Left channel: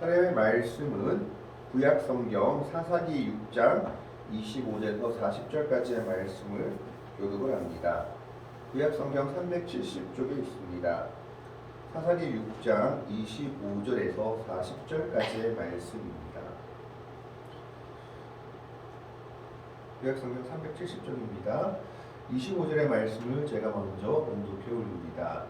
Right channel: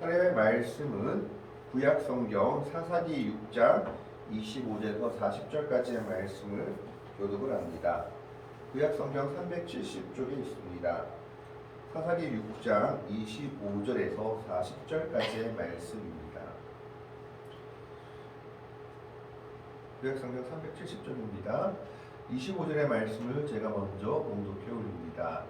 하나님의 말씀은 구약 성경 사사기 6장 25절에서 40절까지의 말씀을 교독을 합니다. 구약 성경 370쪽에 있습니다. 사사기 6장 25절에서 40절까지의 말씀입니다. 구약 성경 370쪽입니다. 25절의 말씀을 제가 먼저 봉독해 올립니다.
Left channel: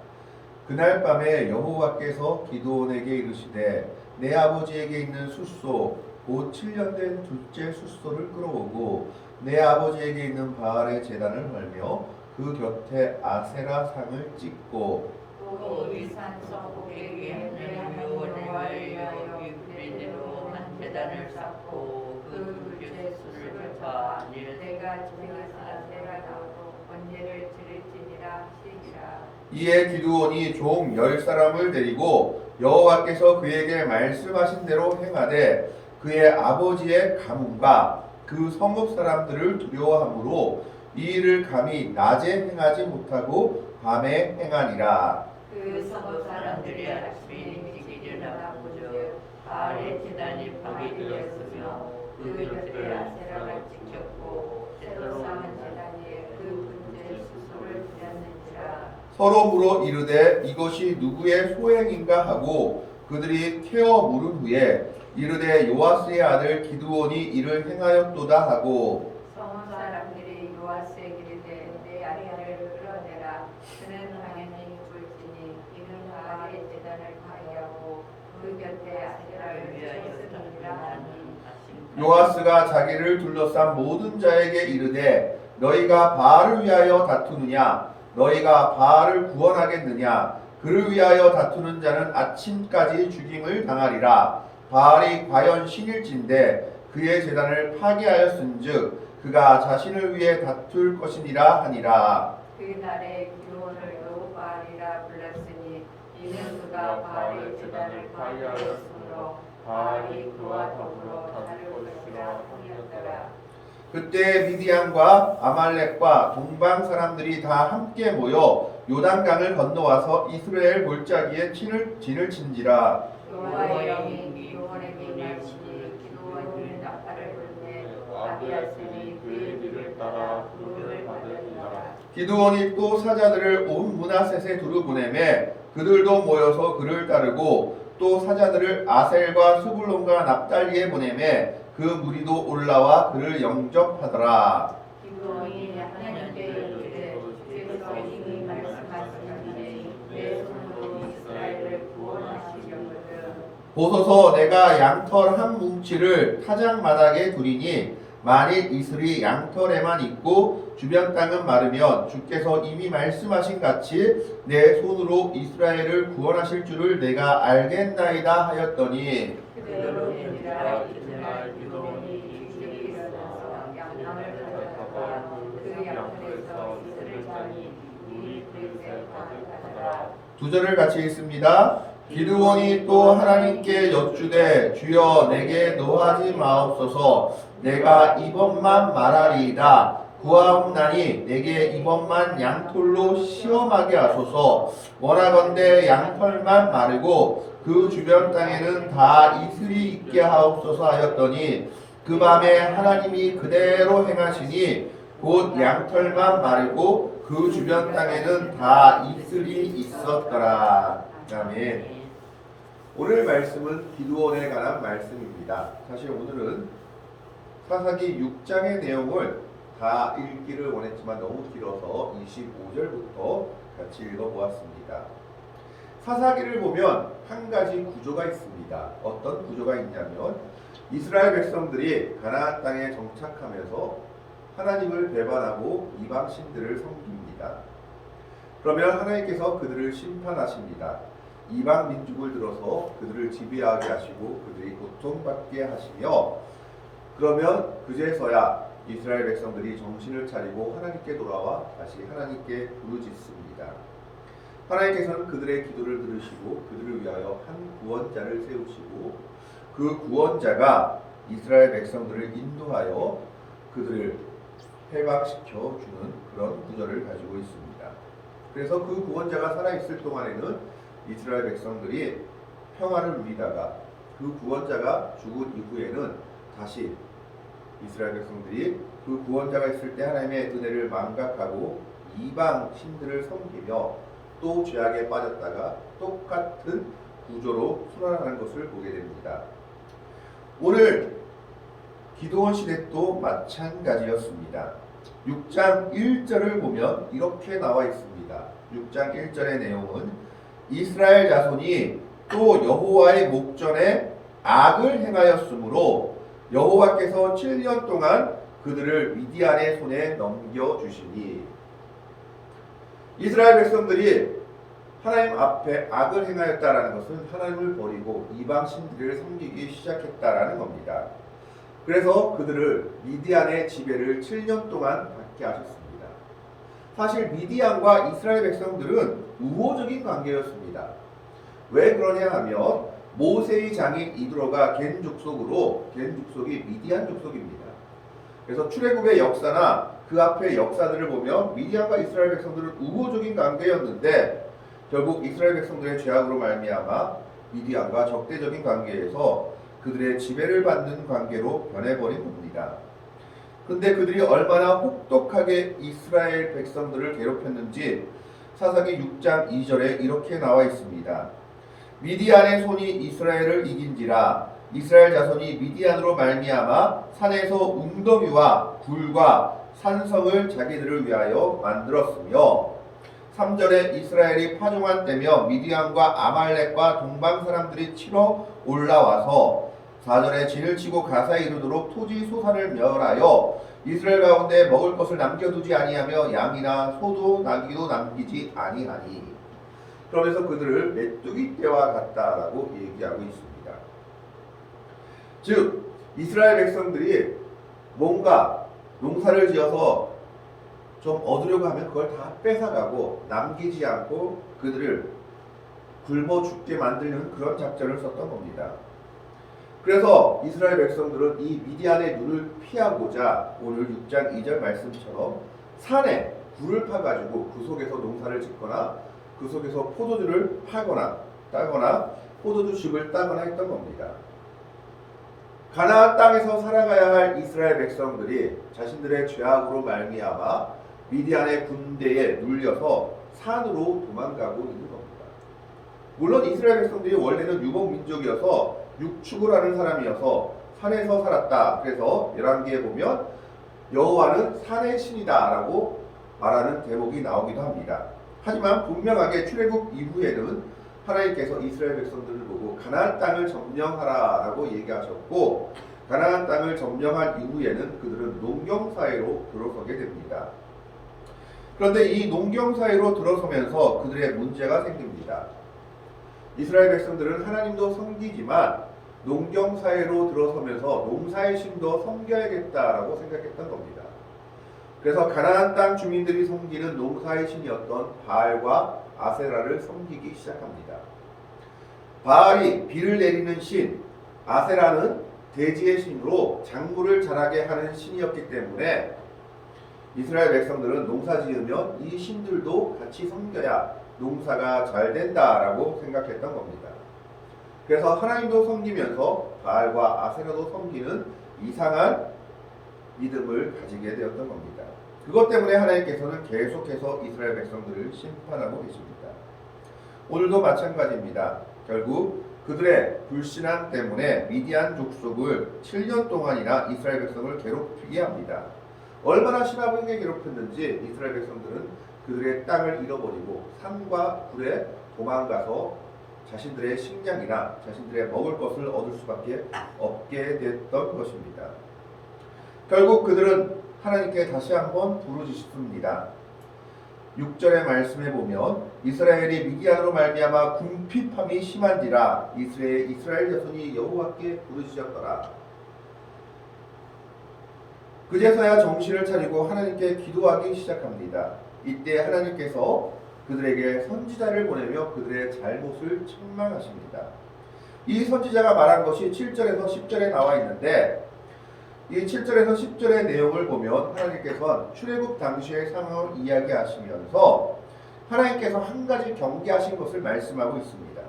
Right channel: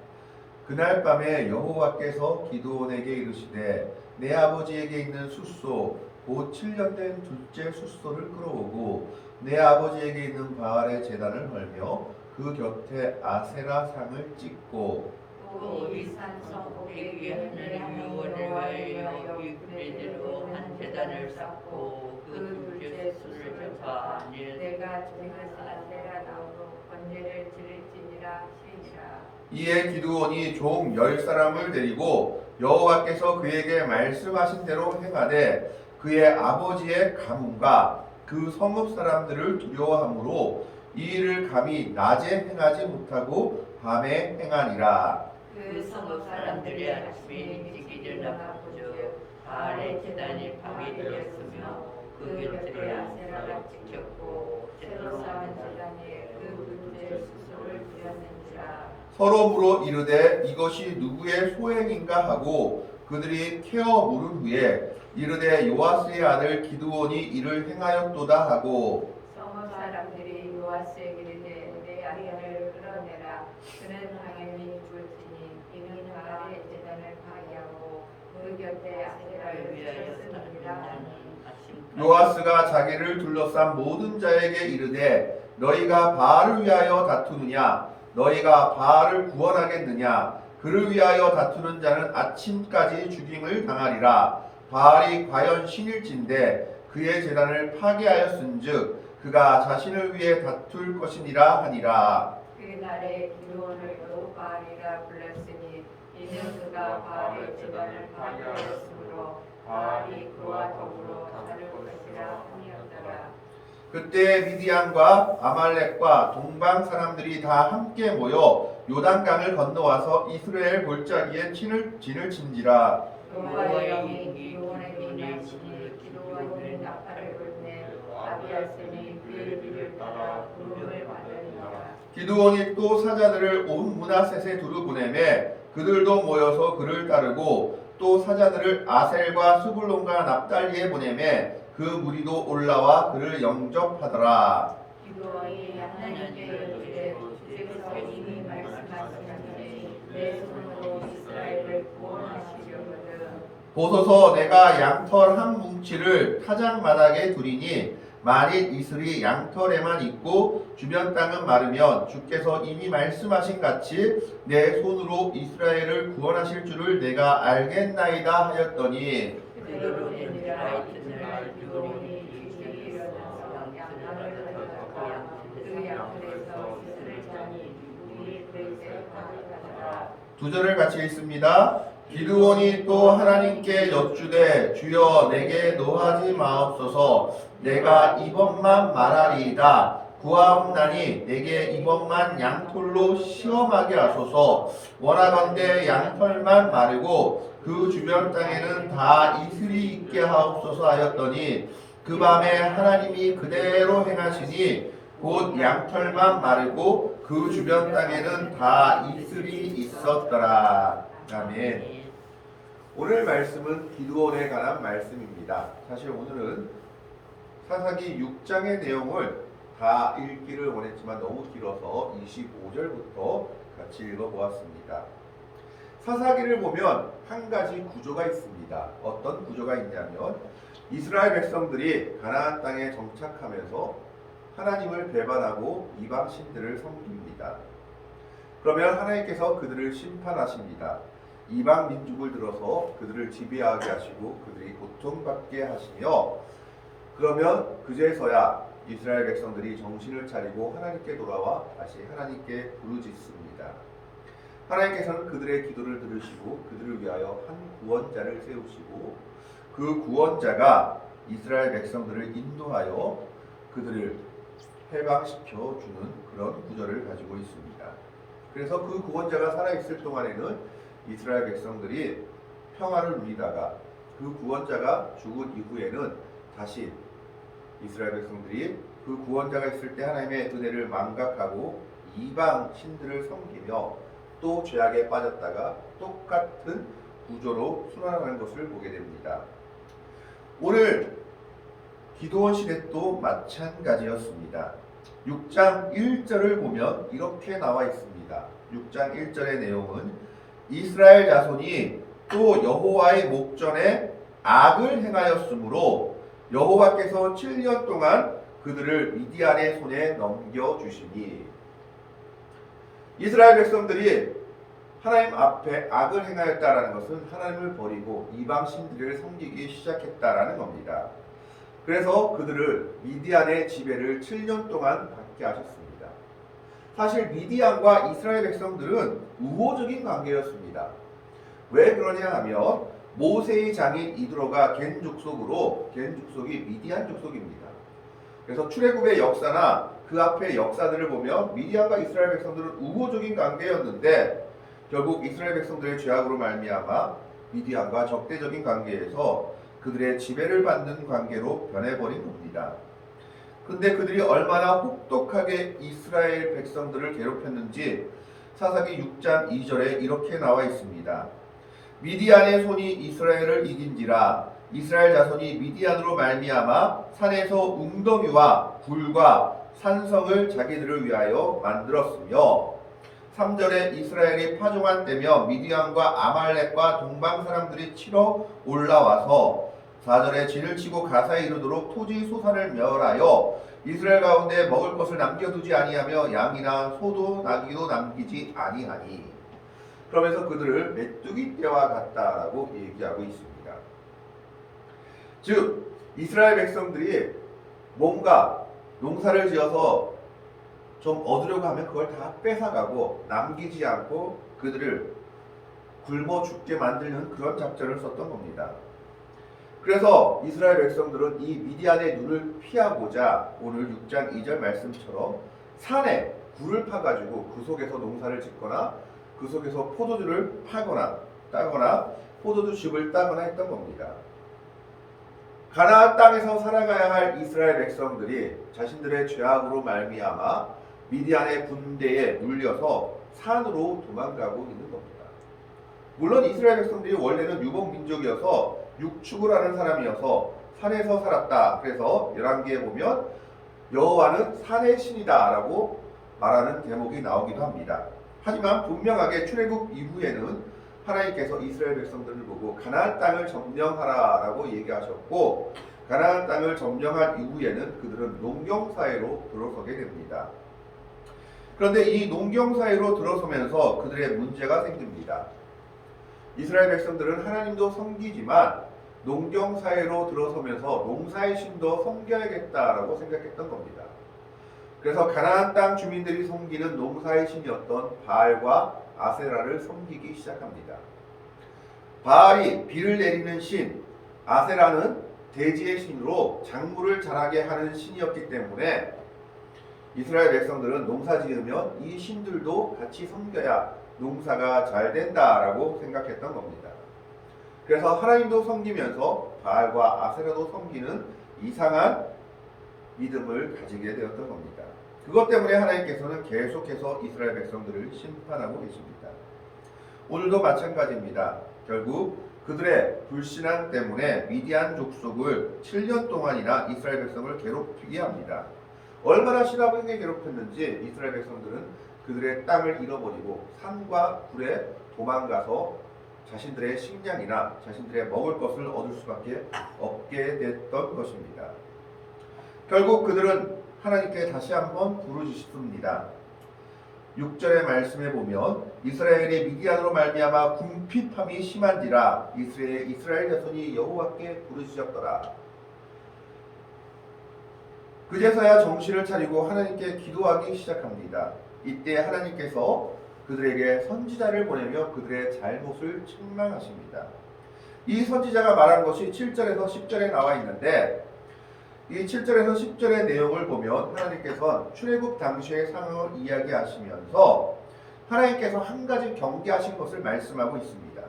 그날 밤에 여호와께서 기드온에게 이르시되 내 아버지에게 있는 숫소 곧 7년 된 둘째 숫소를 끌어오고 내 아버지에게 있는 바알의 제단을 헐며 그 곁에 아세라 상을 찍고 또 이 산성 꼭대기에 하는 유언을 알려 유브레대로 한 제단을 쌓고 그 둘째 숫소를 잡아 내가 지나서 아세라 나무로 번제를 드릴지니라 하시니라. 이에 기드온이 종 10사람을 데리고 여호와께서 그에게 말씀하신 대로 행하되 그의 아버지의 가문과 그 성읍 사람들을 두려워하므로 이 일을 감히 낮에 행하지 못하고 밤에 행하니라. 그 성읍 사람들이 아침에 일찍 일어나 본즉 바알의 제단이 파괴되었으며 그 곁에 아세라가 찍혔고 제대로 쌓은 제단에 그 둘째 숫소를 드렸는지라. 서로 물어 이르되 이것이 누구의 소행인가 하고 그들이 캐어 물은 후에 이르되 요아스의 아들 기드온이 이를 행하였도다 하고 성읍 사람들이 요아스에게 이르되 내 아들을 끌어내라. 그는 당연히 죽을지니 이는 바알의 제단을 파괴하고 그 곁에 아세라를 위하여 세웠음이니라. 나는 아심까지 요아스가 자기를 둘러싼 모든 자에게 이르되 너희가 바알을 위하여 다투느냐 너희가 바알을 구원하겠느냐 그를 위하여 다투는 자는 아침까지 죽임을 당하리라. 바알이 과연 신일진데 그의 제단을 파괴하였은즉 그가 자신을 위해 다툴 것이니라 하니라. 그날에 기드온을 여호바알이라 불렀으니 이는 그가 바알의 제단을 파괴하였으므로 바알이 그와 더불어 다를 것이라 하였더라. 그때 미디안과 아말렉과 동방 사람들이 다 함께 모여 요단강을 건너와서 이스라엘 골짜기에 진을 친지라. 여호와의 영이 기드온에게 임하시니 기드온은 나팔을 불매 아비아스니 그의 뒤를 따라 부름을 받으리라. 기드온이 또 사자들을 온 므낫셋에 두루 보내매 그들도 모여서 그를 따르고 또 사자들을 아셀과 스불론과 납달리에 보내매 그 무리도 올라와 그를 영접하더라. 기드온이 하나님께 이르되 주께서 이미 말씀하시니 내 손으로 이스라엘을 구원하시려거든. 보소서 내가 양털 한 뭉치를 타작 마당에 두리니 만일 이슬이 양털에만 있고 주변 땅은 마르면 주께서 이미 말씀하신 같이 내 손으로 이스라엘을 구원하실 줄을 내가 알겠나이다 하였더니 그대로 되니라. 이튿날 기드온이 일찍이 일어나서 양털을 들어가고 그 양털에서 이슬을 짜니 이 그릇에 가득하더라. 두 절을 같이 읽습니다. 기드온이 또 하나님께 여쭈되 주여 내게 노하지 마옵소서 내가 이번만 말하리이다 구하옵나니 내게 이번만 양털로 시험하게 하소서 원하건대 양털만 마르고 그 주변 땅에는 다 이슬이 있게 하옵소서 하였더니 그 밤에 하나님이 그대로 행하시니 곧 양털만 마르고 그 주변 땅에는 다 이슬이 있었더라. 아멘. 오늘 말씀은 기드온에 관한 말씀입니다. 사실 오늘은 사사기 6장의 내용을 다 읽기를 원했지만 너무 길어서 25절부터 같이 읽어보았습니다. 사사기를 보면 한 가지 구조가 있습니다. 어떤 구조가 있냐면 이스라엘 백성들이 가나안 땅에 정착하면서 하나님을 배반하고 이방 신들을 섬깁니다. 그러면 하나님께서 그들을 심판하십니다. 이방 민족을 들어서 그들을 지배하게 하시고 그들이 고통받게 하시며 그러면 그제서야 이스라엘 백성들이 정신을 차리고 하나님께 돌아와 다시 하나님께 부르짖습니다. 하나님께서는 그들의 기도를 들으시고 그들을 위하여 한 구원자를 세우시고 그 구원자가 이스라엘 백성들을 인도하여 그들을 해방시켜 주는 그런 구절을 가지고 있습니다. 그래서 그 구원자가 살아있을 동안에는 이스라엘 백성들이 평화를 누리다가 그 구원자가 죽은 이후에는 다시 이스라엘 백성들이 그 구원자가 있을 때 하나님의 은혜를 망각하고 이방 신들을 섬기며 또 죄악에 빠졌다가 똑같은 구조로 순환하는 것을 보게 됩니다. 오늘 기드온 시대도 마찬가지였습니다. 6장 1절을 보면 이렇게 나와 있습니다. 6장 1절의 내용은 이스라엘 자손이 또 여호와의 목전에 악을 행하였으므로 여호와께서 7년 동안 그들을 미디안의 손에 넘겨주시니, 이스라엘 백성들이 하나님 앞에 악을 행하였다라는 것은 하나님을 버리고 이방 신들을 섬기기 시작했다라는 겁니다. 그래서 그들을 미디안의 지배를 7년 동안 받게 하셨습니다. 사실 미디안과 이스라엘 백성들은 우호적인 관계였습니다. 왜 그러냐 하면 모세의 장인 이드로가 겐 족속으로, 겐 족속이 미디안 족속입니다. 그래서 출애굽의 역사나 그 앞의 역사들을 보면 미디안과 이스라엘 백성들은 우호적인 관계였는데 결국 이스라엘 백성들의 죄악으로 말미암아 미디안과 적대적인 관계에서 그들의 지배를 받는 관계로 변해버린 겁니다. 근데 그들이 얼마나 혹독하게 이스라엘 백성들을 괴롭혔는지 사사기 6장 2절에 이렇게 나와 있습니다. 미디안의 손이 이스라엘을 이긴지라 이스라엘 자손이 미디안으로 말미암아 산에서 웅덩이와 굴과 산성을 자기들을 위하여 만들었으며, 3절에 이스라엘이 파종한 때며 미디안과 아말렉과 동방 사람들이 치러 올라와서 4절에 진을 치고 가사에 이르도록 토지 소산을 멸하여 이스라엘 가운데 먹을 것을 남겨두지 아니하며 양이나 소도 나귀도 남기지 아니하니, 그러면서 그들을 메뚜기 떼와 같다라고 얘기하고 있습니다. 즉 이스라엘 백성들이 뭔가 농사를 지어서 좀 얻으려고 하면 그걸 다 뺏어가고 남기지 않고 그들을 굶어 죽게 만들는 그런 작전을 썼던 겁니다. 그래서 이스라엘 백성들은 이 미디안의 눈을 피하고자 오늘 6장 2절 말씀처럼 산에 굴을 파가지고 그 속에서 농사를 짓거나 그 속에서 포도주를 파거나 따거나 포도주 즙을 따거나 했던 겁니다. 가나안 땅에서 살아가야 할 이스라엘 백성들이 자신들의 죄악으로 말미암아 미디안의 군대에 눌려서 산으로 도망가고 있는 겁니다. 물론 이스라엘 백성들이 원래는 유목 민족이어서 육축을 하는 사람이어서 산에서 살았다. 그래서 열왕기에 보면 여호와는 산의 신이다라고 말하는 대목이 나오기도 합니다. 하지만 분명하게 출애굽 이후에는 하나님께서 이스라엘 백성들을 보고 가나안 땅을 점령하라라고 얘기하셨고, 가나안 땅을 점령한 이후에는 그들은 농경 사회로 들어서게 됩니다. 그런데 이 농경 사회로 들어서면서 그들의 문제가 생깁니다. 이스라엘 백성들은 하나님도 섬기지만 농경 사회로 들어서면서 농사의 신도 섬겨야겠다라고 생각했던 겁니다. 그래서 가나안 땅 주민들이 섬기는 농사의 신이었던 바알과 아세라를 섬기기 시작합니다. 바알이 비를 내리는 신, 아세라는 대지의 신으로 작물을 자라게 하는 신이었기 때문에 이스라엘 백성들은 농사 지으면 이 신들도 같이 섬겨야 농사가 잘 된다라고 생각했던 겁니다. 그래서 하나님도 섬기면서 바알과 아세라도 섬기는 이상한 믿음을 가지게 되었던 겁니다. 그것 때문에 하나님께서는 계속해서 이스라엘 백성들을 심판하고 계십니다. 오늘도 마찬가지입니다. 결국 그들의 불신앙 때문에 미디안 족속을 7년 동안이나 이스라엘 백성을 괴롭히게 합니다. 얼마나 심하게 괴롭혔는지 이스라엘 백성들은 그들의 땅을 잃어버리고 산과 굴에 도망가서 자신들의 식량이나 자신들의 먹을 것을 얻을 수밖에 없게 됐던 것입니다. 결국 그들은 하나님께 다시 한번 부르짖습니다. 6절의 말씀에 보면 이스라엘이 미디안으로 말미암아 궁핍함이 심한지라 이스라엘 자손이 여호와께 부르짖었더라. 그제서야 정신을 차리고 하나님께 기도하기 시작합니다. 이때 하나님께서 그들에게 선지자를 보내며 그들의 잘못을 책망하십니다. 이 선지자가 말한 것이 7절에서 10절에 나와 있는데, 이 7절에서 10절의 내용을 보면 하나님께서는 출애굽 당시의 상황을 이야기하시면서 하나님께서 한 가지 경계하신 것을 말씀하고 있습니다.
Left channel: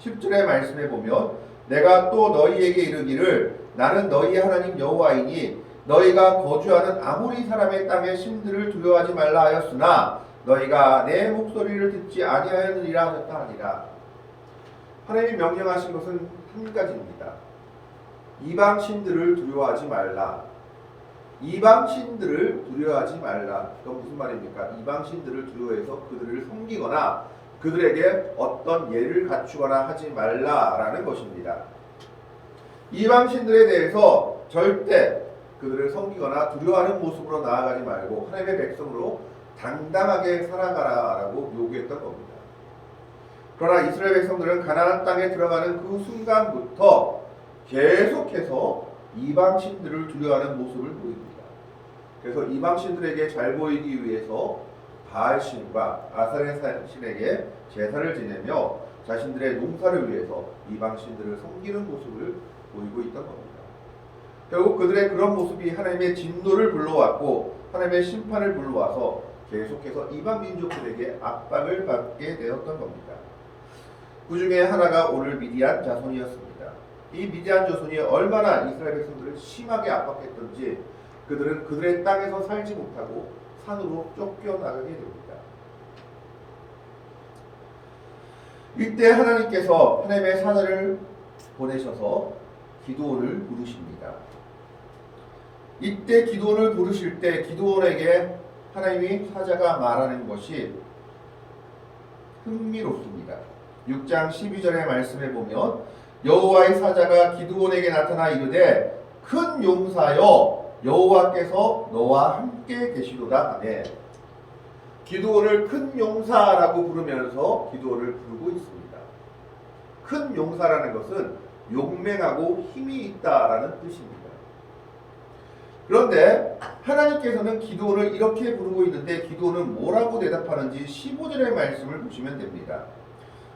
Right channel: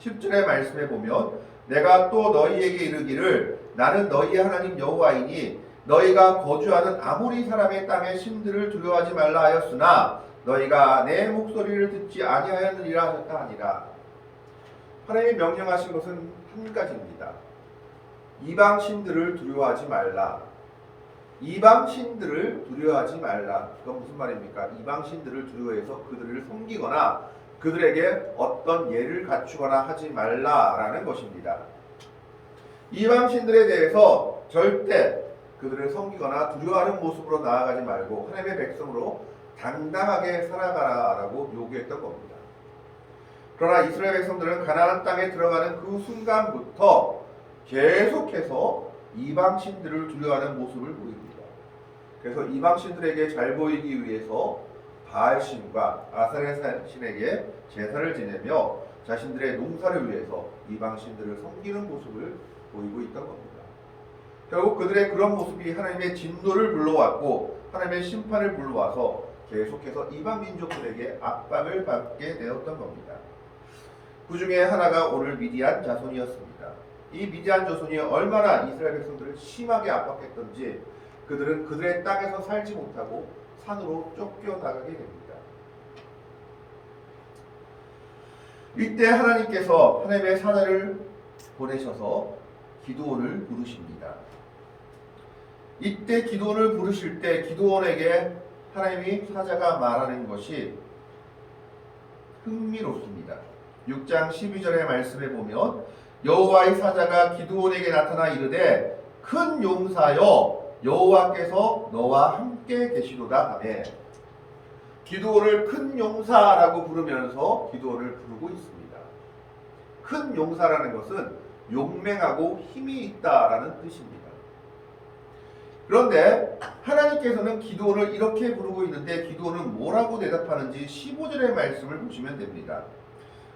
10절의 말씀에 보면 내가 또 너희에게 이르기를 나는 너희의 하나님 여호와이니 너희가 거주하는 아모리 사람의 땅의 신들을 두려워하지 말라 하였으나 너희가 내 목소리를 듣지 아니하였느니라 하셨다 하니라. 하나님이 명령하신 것은 한 가지입니다. 이방 신들을 두려워하지 말라. 이방 신들을 두려워하지 말라. 그건 무슨 말입니까? 이방 신들을 두려워해서 그들을 섬기거나 그들에게 어떤 예를 갖추거나 하지 말라라는 것입니다. 이방 신들에 대해서 절대 그들을 섬기거나 두려워하는 모습으로 나아가지 말고 하나님의 백성으로 당당하게 살아가라라고 요구했던 겁니다. 그러나 이스라엘 백성들은 가나안 땅에 들어가는 그 순간부터 계속해서 이방 신들을 두려워하는 모습을 보입니다. 그래서 이방 신들에게 잘 보이기 위해서 바알 신과 아사레 신에게 제사를 지내며 자신들의 농사를 위해서 이방 신들을 섬기는 모습을 보이고 있던 겁니다. 결국 그들의 그런 모습이 하나님의 진노를 불러왔고 하나님의 심판을 불러와서 계속해서 이방 민족들에게 압박을 받게 되었던 겁니다. 그 중에 하나가 오늘 미디안 자손이었습니다. 이 미디안 자손이 얼마나 이스라엘 백성들을 심하게 압박했던지 그들은 그들의 땅에서 살지 못하고 산으로 쫓겨나가게 됩니다. 이때 하나님께서 하나님의 사자를 보내셔서 기드온을 부르십니다. 이때 기드온을 부르실 때 기드온에게 하나님이 사자가 말하는 것이 흥미롭습니다. 6장 12절의 말씀에 보면 여호와의 사자가 기드온에게 나타나 이르되 큰 용사여 여호와께서 너와 함께 계시도다 하매 기드온을 큰 용사라고 부르면서 기드온을 부르고 있습니다. 큰 용사라는 것은 용맹하고 힘이 있다라는 뜻입니다. 그런데 하나님께서는 기드온을 이렇게 부르고 있는데 기드온은 뭐라고 대답하는지 15절의 말씀을 보시면 됩니다.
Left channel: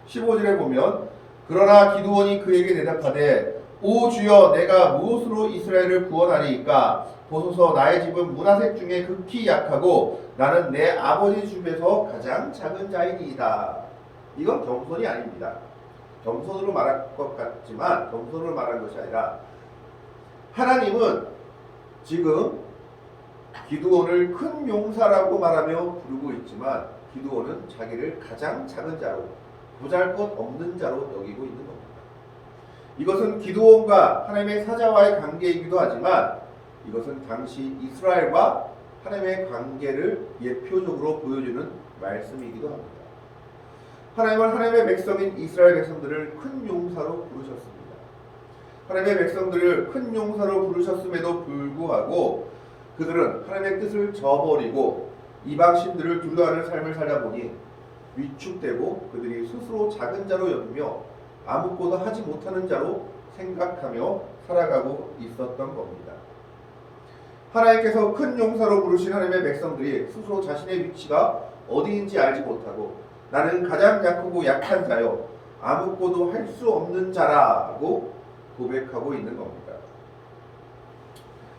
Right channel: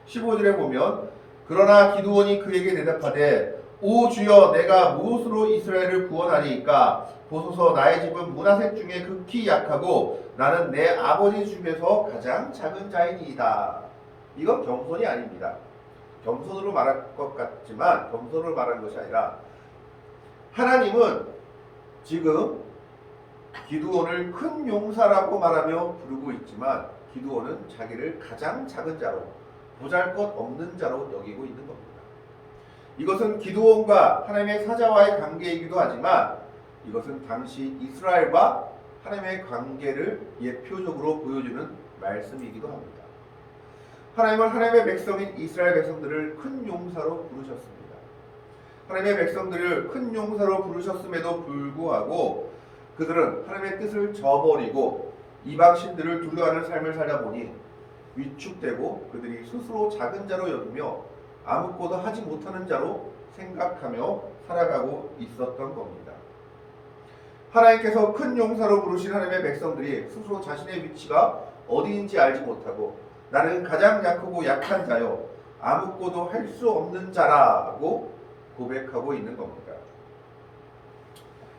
15절에 보면 그러나 기드온이 그에게 대답하되 오 주여 내가 무엇으로 이스라엘을 구원하리이까 보소서 나의 집은 므낫셋 중에 극히 약하고 나는 내 아버지 집에서 가장 작은 자이니이다. 이건 겸손이 아닙니다. 겸손으로 말할 것 같지만 겸손으로 말한 것이 아니라 하나님은 지금 기드온을 큰 용사라고 말하며 부르고 있지만 기드온은 자기를 가장 작은 자로 보잘것없는 자로 여기고 있는 겁니다. 이것은 기드온과 하나님의 사자와의 관계이기도 하지만 이것은 당시 이스라엘과 하나님의 관계를 예표적으로 보여주는 말씀이기도 합니다. 하나님은 하나님의 백성인 이스라엘 백성들을 큰 용사로 부르셨습니다. 하나님의 백성들을 큰 용사로 부르셨음에도 불구하고 그들은 하나님의 뜻을 저버리고 이방신들을 두려워하는 삶을 살다 보니 위축되고 그들이 스스로 작은 자로 여기며 아무것도 하지 못하는 자로 생각하며 살아가고 있었던 겁니다. 하나님께서 큰 용사로 부르신 하나님의 백성들이 스스로 자신의 위치가 어디인지 알지 못하고 나는 가장 약하고 약한 자요 아무것도 할 수 없는 자라고 고백하고 있는 겁니다.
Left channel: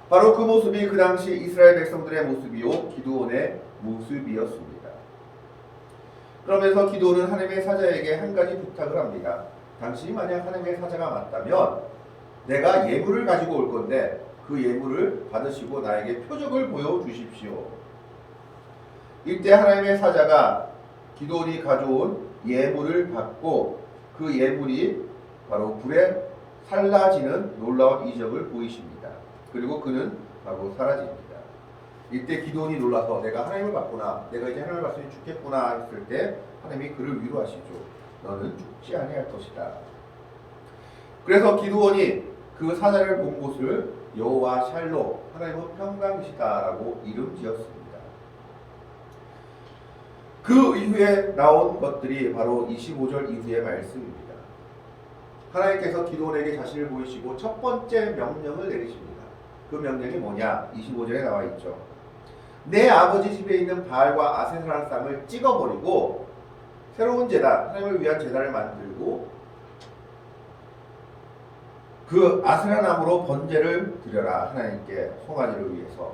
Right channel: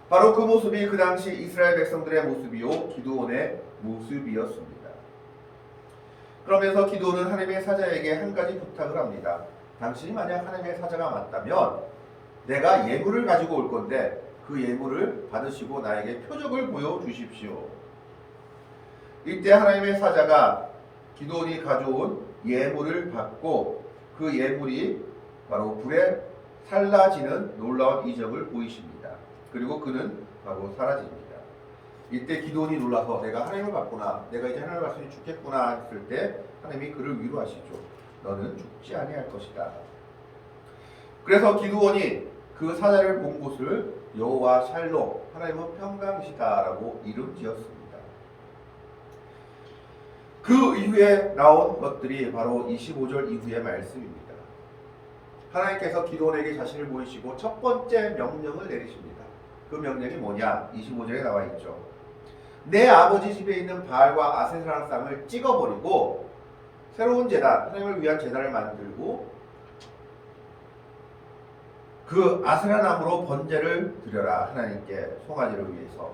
바로 그 모습이 그 당시 이스라엘 백성들의 모습이요 기드온의 모습이었습니다. 그러면서 기드온은 하나님의 사자에게 한 가지 부탁을 합니다. 당신이 만약 하나님의 사자가 맞다면 내가 예물을 가지고 올 건데 그 예물을 받으시고 나에게 표적을 보여주십시오. 이때 하나님의 사자가 기드온이 가져온 예물을 받고 그 예물이 바로 불에 살라지는 놀라운 이적을 보이십니다. 그리고 그는 바로 사라집니다. 이때 기드온이 놀라서 내가 하나님을 봤구나, 내가 이제 하나님을 봤으니 죽겠구나 했을 때 하나님이 그를 위로하시죠. 너는 죽지 아니할 것이다. 그래서 기드온이 그 사자를 본 곳을 여호와 샬롬, 하나님은 평강이시다라고 이름 지었습니다. 그 이후에 나온 것들이 바로 25절 이후의 말씀입니다. 하나님께서 기드온에게 자신을 보이시고 첫 번째 명령을 내리십니다. 그 명령이 뭐냐? 25절에 나와 있죠. 내 아버지 집에 있는 바알과 아세라의 쌍을 찍어버리고 새로운 제단, 하나님을 위한 제단을 만들고 그 아세라 나무로 번제를 드려라. 하나님께 송아지를 위해서.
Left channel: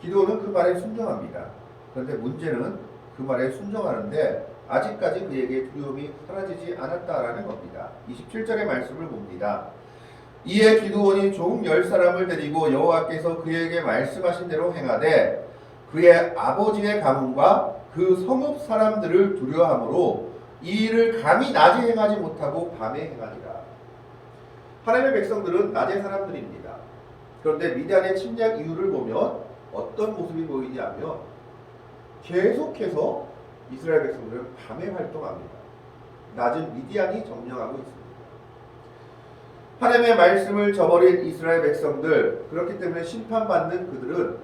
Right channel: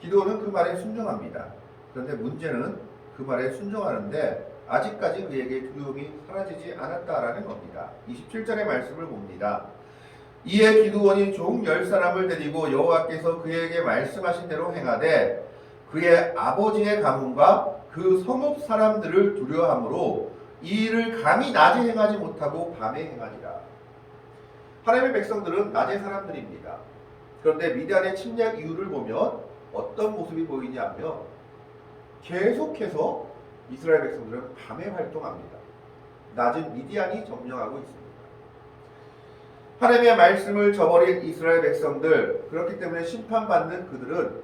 기드온은 그 말에 순종합니다. 그런데 문제는 그 말에 순종하는데 아직까지 그에게 두려움이 사라지지 않았다라는 겁니다. 27절의 말씀을 봅니다. 이에 기드온이 종 10사람을 데리고 여호와께서 그에게 말씀하신 대로 행하되 그의 아버지의 가문과 그 성읍 사람들을 두려워하므로 이 일을 감히 낮에 행하지 못하고 밤에 행하니라. 하나님의 백성들은 낮의 사람들입니다. 그런데 미디안의 침략 이유를 보면 어떤 모습이 보이냐 하면 계속해서 이스라엘 백성들은 밤에 활동합니다. 낮은 미디안이 점령하고 있습니다. 하나님의 말씀을 저버린 이스라엘 백성들, 그렇기 때문에 심판받는 그들은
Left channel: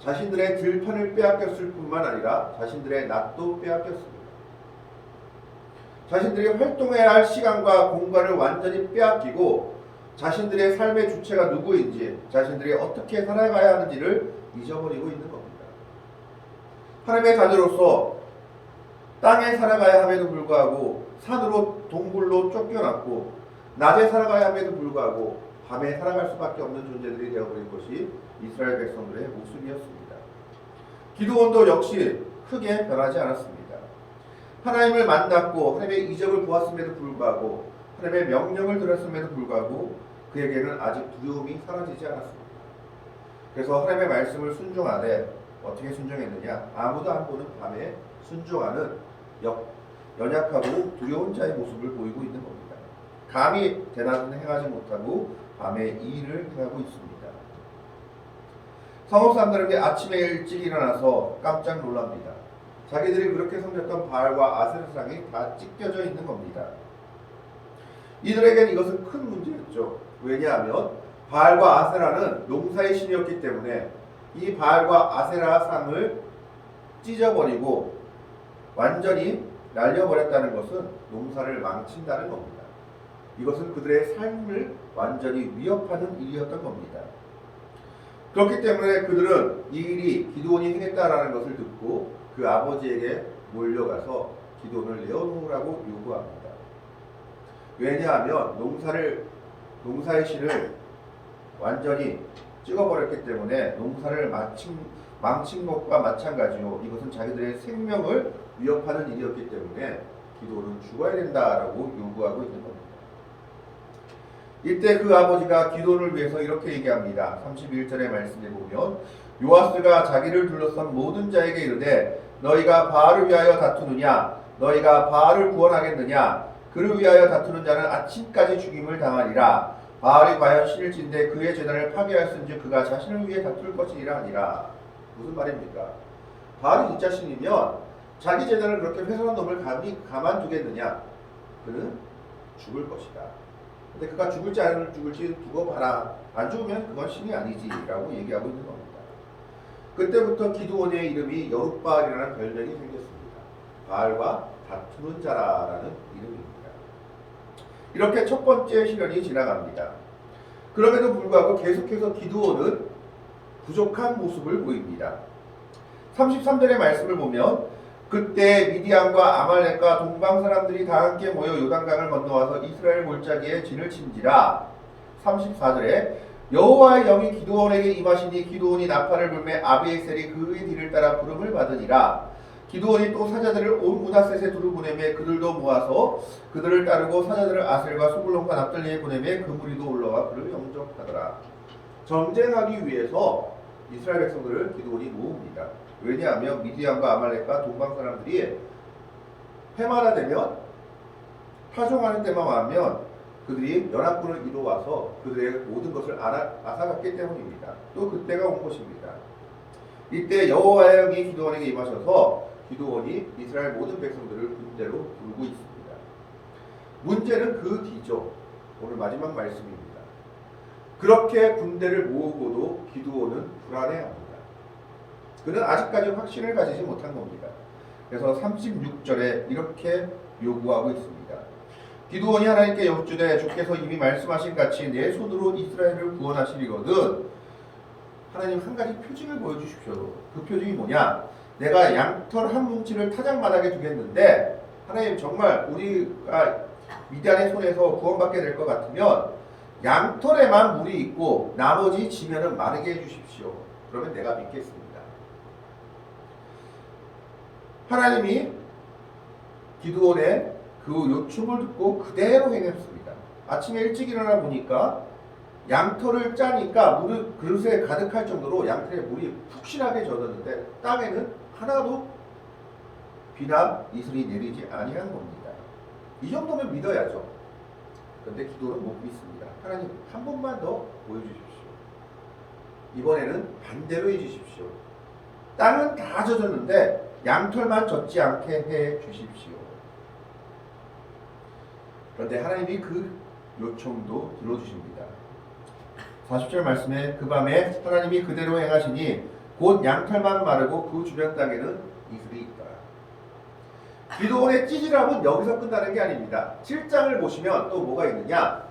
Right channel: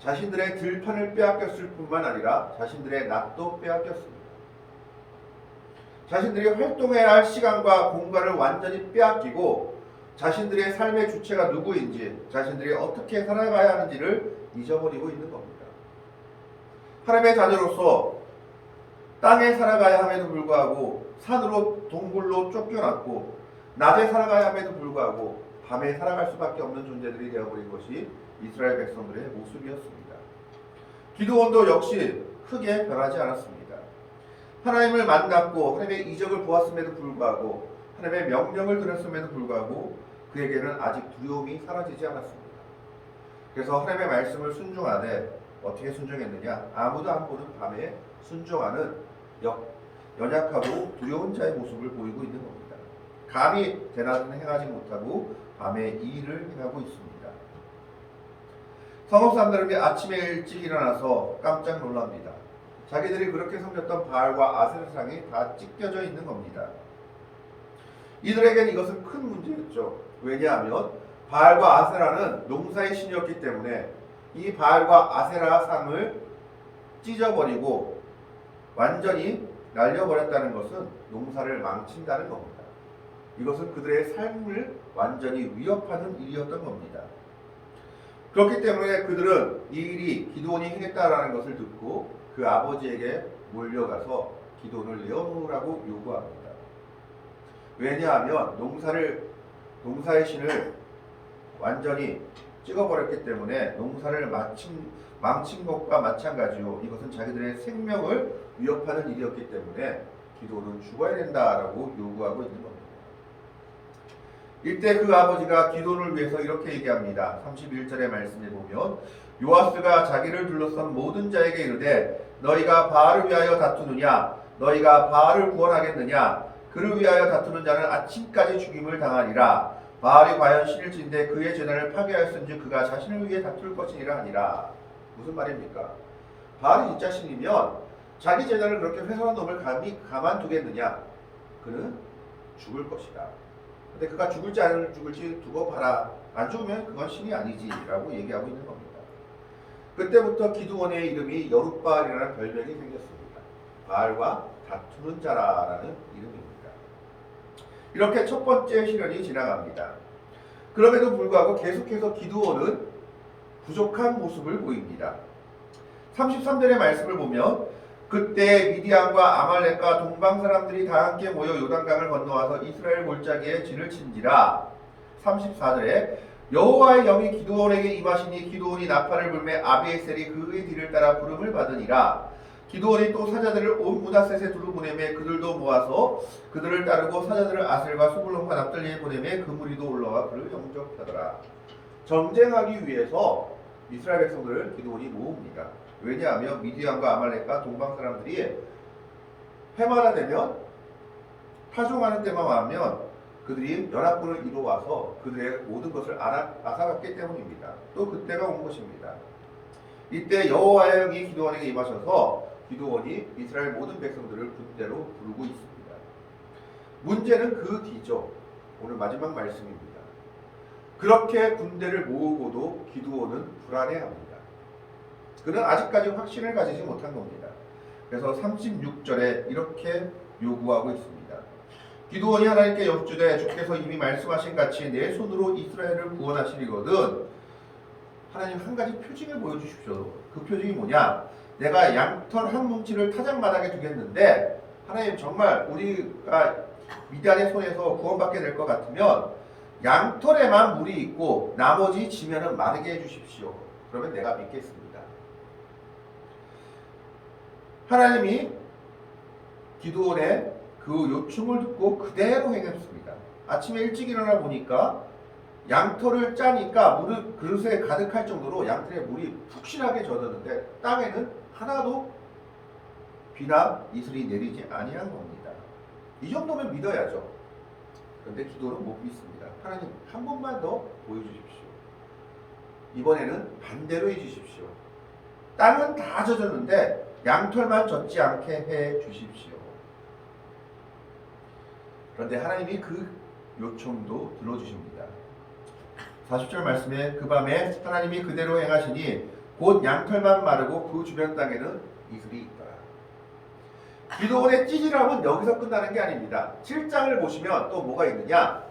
자신들의 들판을 빼앗겼을 뿐만 아니라 자신들의 낫도 빼앗겼습니다. 자신들이 활동해야 할 시간과 공간을 완전히 빼앗기고 자신들의 삶의 주체가 누구인지, 자신들이 어떻게 살아가야 하는지를 잊어버리고 있는 겁니다. 하나님의 자녀로서 땅에 살아가야 함에도 불구하고 산으로 동굴로 쫓겨났고 낮에 살아가야 함에도 불구하고 밤에 살아갈 수밖에 없는 존재들이 되어버린 것이 이스라엘 백성들의 모습이었습니다. 기드온도 역시 크게 변하지 않았습니다. 하나님을 만났고 하나님의 이적을 보았음에도 불구하고 하나님의 명령을 들었음에도 불구하고 그에게는 아직 두려움이 사라지지 않았습니다. 그래서 하나님의 말씀을 순종하되 어떻게 순종했느냐? 아무도 안 보는 밤에 순종하는 연약하고 두려운 자의 모습을 보이고 있는 겁니다. 감히 대낮은 행하지 못하고 밤에 이 일을 행하고 있습니다. 성읍 사람들은 아침에 일찍 일어나서 깜짝 놀랍니다. 자기들이 그렇게 섬겼던 바알과 아세라상이 다 찢겨져 있는 겁니다. 이들에게는 이것은 큰 문제였죠. 왜냐하면 바알과 아세라는 농사의 신이었기 때문에 이 바알과 아세라 상을 찢어버리고 완전히 날려버렸다는 것은 농사를 망친다는 겁니다. 이것은 그들의 삶을 완전히 위협하는 일이었던 겁니다. 그렇기 때문에 그들은 이 일이 기드온이 행했다라는 것을 듣고 그 아버지에게 몰려가서 기드온을 내어놓으라고 요구합니다. 왜냐하면 농사의 신을 완전히 찍어버렸기 때문에 농사를 망친 것과 마찬가지요. 이것은 자기들의 생명을 위협하는 일이었기 때문에 기드온은 죽어야 된다라고 요구하고 있는 겁니다. 이때 그 아버지가 기드온을 위해서 이렇게 얘기합니다. 31절의 말씀에 보면 요아스가 자기를 둘러싼 모든 자에게 이르되 너희가 바알을 위하여 다투느냐 너희가 바알을 구원하겠느냐 그를 위하여 다투는 자는 아침까지 죽임을 당하니라. 바알이 과연 신일진데 그의 제단을 파괴하였은지 그가 자신을 위해 다툴 것이니라 하니라. 무슨 말입니까? 바알이 진짜 신이면 자기 제단을 그렇게 훼손한 놈을 감히 가만두겠느냐? 그는 죽을 것이다. 근데 그가 죽을지 안 죽을지 두고 봐라. 안 죽으면 그건 신이 아니지 라고 얘기하고 있는 겁니다. 그때부터 기드온의 이름이 여룻바알이라는 별명이 생겼습니다. 바알과 다투는 자라는 이름입니다. 이렇게 첫 번째 시련이 지나갑니다. 그럼에도 불구하고 계속해서 기드온은 부족한 모습을 보입니다. 33절의 말씀을 보면 그때 미디안과 아말렉과 동방 사람들이 다 함께 모여 요단강을 건너와서 이스라엘 골짜기에 진을 친지라. 34절에 여호와의 영이 기드온에게 임하시니 기드온이 나팔을 불매 아비에셀이 그의 뒤를 따라 부름을 받으니라. 기드온이 또 사자들을 온 문하셋에 두루 보내매 그들도 모아서 그들을 따르고 사자들을 아셀과 수불론과 납달리에 보내매 그 무리도 올라와 그를 영접하더라. 전쟁하기 위해서 이스라엘 백성들을 기드온이 모읍니다. 왜냐하면 미디안과 아말렉과 동방 사람들이 해마다 되면 파종하는 때만 하면 그들이 연합군을 이루어와서 그들의 모든 것을 앗아갔기 때문입니다. 또 그때가 온 것입니다. 이때 여호와의 영이 기드온에게 임하셔서 기드온이 이스라엘 모든 백성들을 군대로 부르고 있습니다. 문제는 그 뒤죠. 오늘 마지막 말씀입니다. 그렇게 군대를 모으고도 기드온은 불안해합니다. 그는 아직까지 확신을 가지지 못한 겁니다. 그래서 36절에 이렇게 요구하고 있습니다. 기드온이 하나님께 여쭈되 주께서 이미 말씀하신 같이 내 손으로 이스라엘을 구원하시리거든. 하나님 한 가지 표징을 보여주십시오. 그 표징이 뭐냐? 내가 양털 한 뭉치를 타작마당에 두겠는데 하나님 정말 우리가 미디안의 손에서 구원받게 될 것 같으면 양털에만 물이 있고 나머지 지면은 마르게 해주십시오. 그러면 내가 믿겠습니다. 하나님이 기드온의 그 요청을 듣고 그대로 행했습니다. 아침에 일찍 일어나 보니까 양털을 짜니까 물을 그릇에 가득할 정도로 양털에 물이 푹신하게 젖었는데 땅에는 하나도 비나 이슬이 내리지 아니한 겁니다. 이 정도면 믿어야죠. 그런데 기도는 못 믿습니다. 하나님 한 번만 더 보여주십시오. 이번에는 반대로 해주십시오. 땅은 다 젖었는데 양털만 젖지 않게 해 주십시오. 그런데 하나님이 그 요청도 들어주십니다. 40절 말씀에 그 밤에 하나님이 그대로 행하시니 곧 양털만 마르고 그 주변 땅에는 이슬이 있더라. 기도원의 찌질함은 여기서 끝나는 게 아닙니다. 7장을 보시면 또 뭐가 있느냐?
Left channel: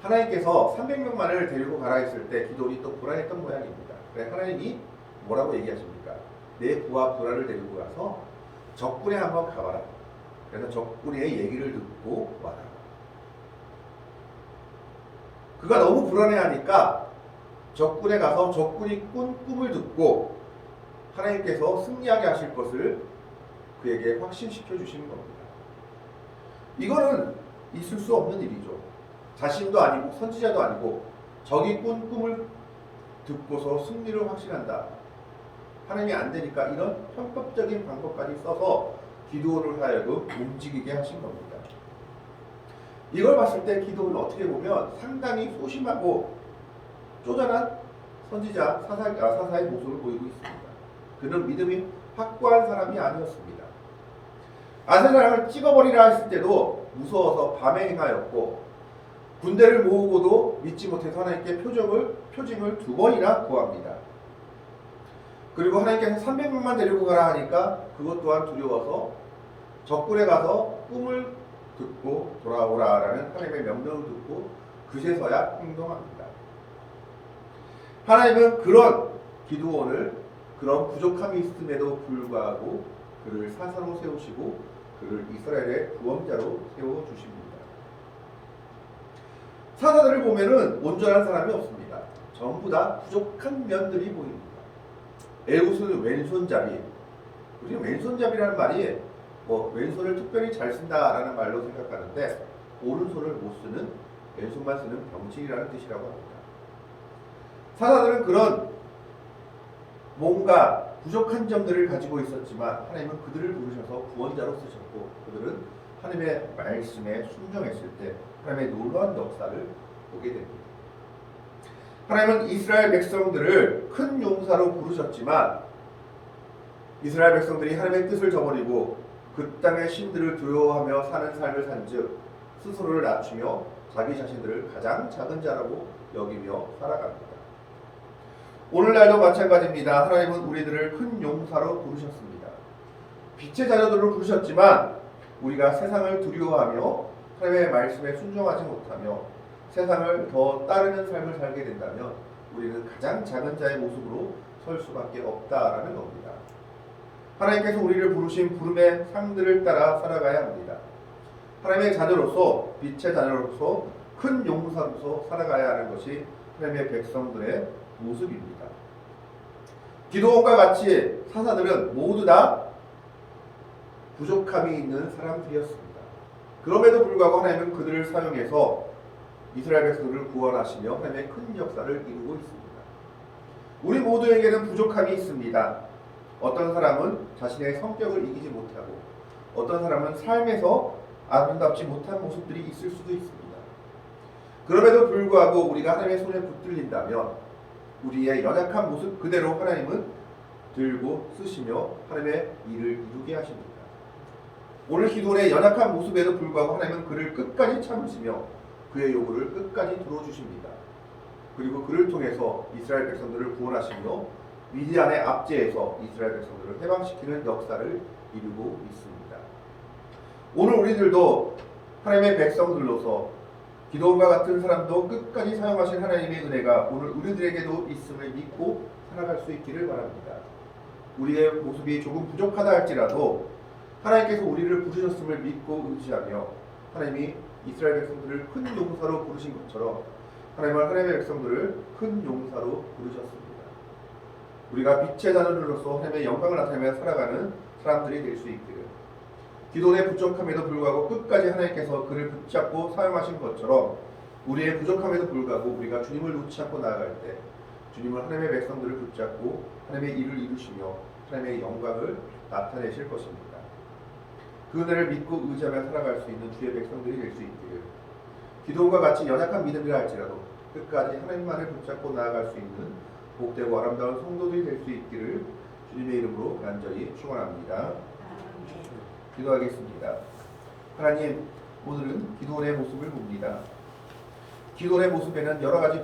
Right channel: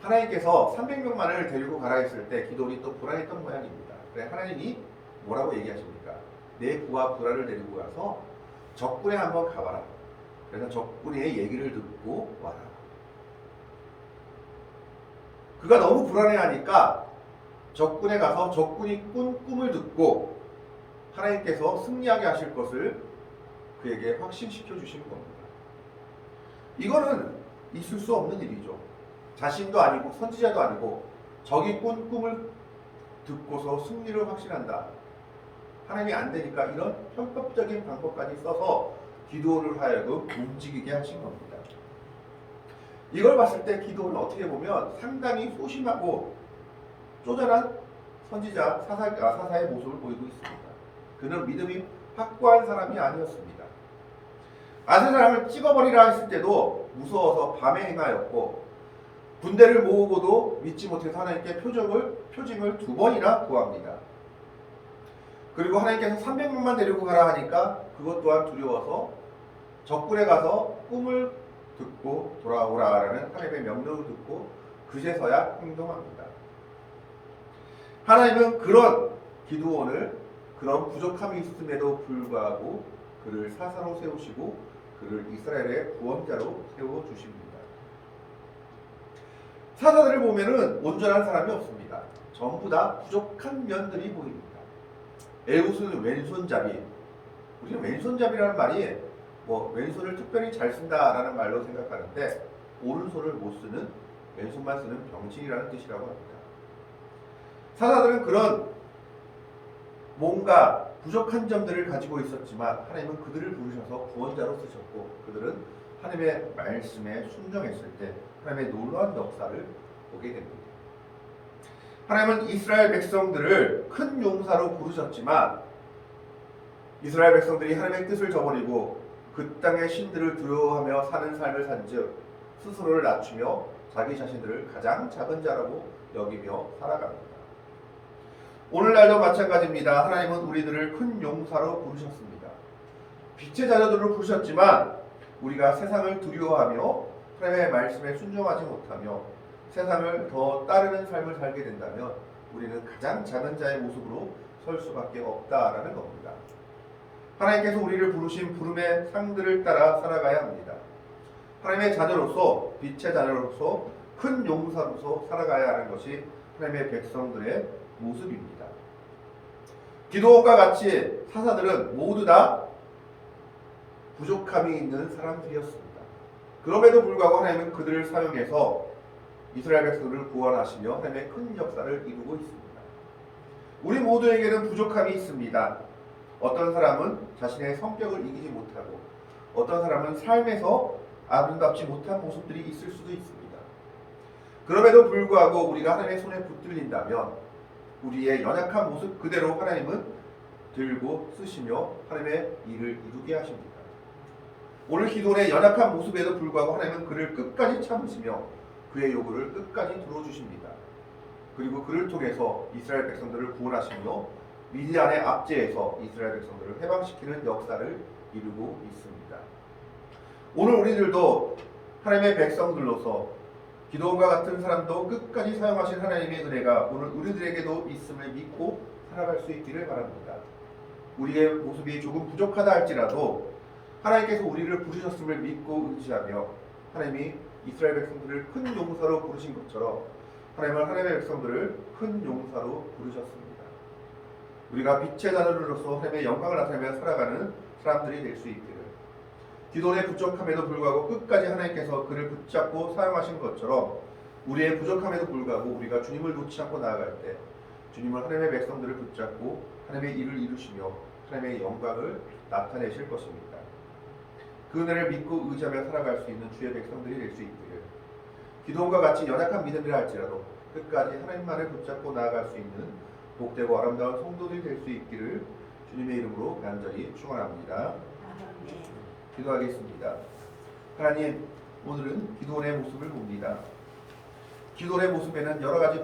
하나님께서 300명만을 데리고 가라 했을 때 기도원이 또 불안했던 모양입니다. 그래 하나님이 뭐라고 얘기하십니까? 내 부하 불안을 데리고 가서 적군에 한번 가봐라. 그래서 적군의 얘기를 듣고 와라. 그가 너무 불안해하니까 적군에 가서 적군이 꾼 꿈을 듣고 하나님께서 승리하게 하실 것을 그에게 확신시켜 주시는 겁니다. 이거는 있을 수 없는 일이죠. 자신도 아니고 선지자도 아니고 적이 꾼 꿈을 듣고서 승리를 확신한다. 하나님이 안 되니까 이런 편법적인 방법까지 써서 기도원을 하여금 움직이게 하신 겁니다. 이걸 봤을 때 기도원은 어떻게 보면 상당히 소심하고 쪼잔한 선지자 사사의 모습을 보이고 있습니다. 그는 믿음이 확고한 사람이 아니었습니다. 아세사람을 찍어버리라 했을 때도 무서워서 밤에 행하였고 군대를 모으고도 믿지 못해서 하나님께 표징을 2번이나 구합니다. 그리고 하나님께서 300명만 데리고 가라 하니까 그것 또한 두려워서 적군에 가서 꿈을 듣고 돌아오라라는 하나님의 명령을 듣고 그제서야 행동합니다. 하나님은 그런 기드온을 그런 부족함이 있음에도 불구하고 그를 사사로 세우시고 그를 이스라엘의 구원자로 세워주십니다. 사사들을 보면은 온전한 사람이 없습니다. 전부 다 부족한 면들이 보입니다. 엘구스는 왼손잡이. 우리는 왼손잡이라는 말이 왼손을 특별히 잘 쓴다라는 말로 생각하는데 오른손을 못 쓰는 왼손만 쓰는 병신이라는 뜻이라고 합니다. 사사들은 그런 뭔가 부족한 점들을 가지고 있었지만 하나님은 그들을 부르셔서 구원자로 쓰셨고 그들은 하나님의 말씀에 순종했을 때 하나님의 놀라운 역사를 보게 됩니다. 하나님은 이스라엘 백성들을 큰 용사로 부르셨지만 이스라엘 백성들이 하나님의 뜻을 저버리고 그 땅의 신들을 두려워하며 사는 삶을 산즉 스스로를 낮추며 자기 자신들을 가장 작은 자라고 여기며 살아갑니다. 오늘날도 마찬가지입니다. 하나님은 우리들을 큰 용사로 부르셨습니다. 빛의 자녀들로 부르셨지만 우리가 세상을 두려워하며 하나님의 말씀에 순종하지 못하며 세상을 더 따르는 삶을 살게 된다면 우리는 가장 작은 자의 모습으로 설 수밖에 없다라는 겁니다. 하나님께서 우리를 부르신 부름의 상들을 따라 살아가야 합니다. 하나님의 자녀로서 빛의 자녀로서 큰 용사로서 살아가야 하는 것이 하나님의 백성들의 모습입니다. 기드온과 같이 사사들은 모두 다 부족함이 있는 사람들이었습니다. 그럼에도 불구하고 하나님은 그들을 사용해서 이스라엘 백성들을 구원하시며 하나님의 큰 역사를 이루고 있습니다. 우리 모두에게는 부족함이 있습니다. 어떤 사람은 자신의 성격을 이기지 못하고 어떤 사람은 삶에서 아름답지 못한 모습들이 있을 수도 있습니다. 그럼에도 불구하고 우리가 하나님의 손에 붙들린다면 우리의 연약한 모습 그대로 하나님은 들고 쓰시며 하나님의 일을 이루게 하십니다. 오늘 기도원의 연약한 모습에도 불구하고 하나님은 그를 끝까지 참으시며 그의 요구를 끝까지 들어주십니다. 그리고 그를 통해서 이스라엘 백성들을 구원하시며 미디안의 압제에서 이스라엘 백성들을 해방시키는 역사를 이루고 있습니다. 오늘 우리들도 하나님의 백성들로서 기도원과 같은 사람도 끝까지 사용하신 하나님의 은혜가 오늘 우리들에게도 있음을 믿고 살아갈 수 있기를 바랍니다. 우리의 모습이 조금 부족하다 할지라도 하나님께서 우리를 부르셨음을 믿고 의지하며 하나님이 이스라엘 백성들을 큰 용사로 부르신 것처럼 하나님은 하나님의 백성들을 큰 용사로 부르셨습니다. 우리가 빛의 자녀로서 하나님의 영광을 나타내며 살아가는 사람들이 될 수 있기를. 기도의 부족함에도 불구하고 끝까지 하나님께서 그를 붙잡고 사용하신 것처럼 우리의 부족함에도 불구하고 우리가 주님을 놓지 않고 나아갈 때 주님은 하나님의 백성들을 붙잡고 하나님의 일을 이루시며 하나님의 영광을 나타내실 것입니다. 그 은혜를 믿고 의지하며 살아갈 수 있는 주의 백성들이 될 수 있기를. 기도원과 같이 연약한 믿음이라 할지라도 끝까지 하나님만을 붙잡고 나아갈 수 있는 복되고 아름다운 성도들이 될 수 있기를 주님의 이름으로 간절히 축원합니다. 아멘. 기도하겠습니다. 하나님, 오늘은 기도원의 모습을 봅니다. 기도원의 모습에는 여러 가지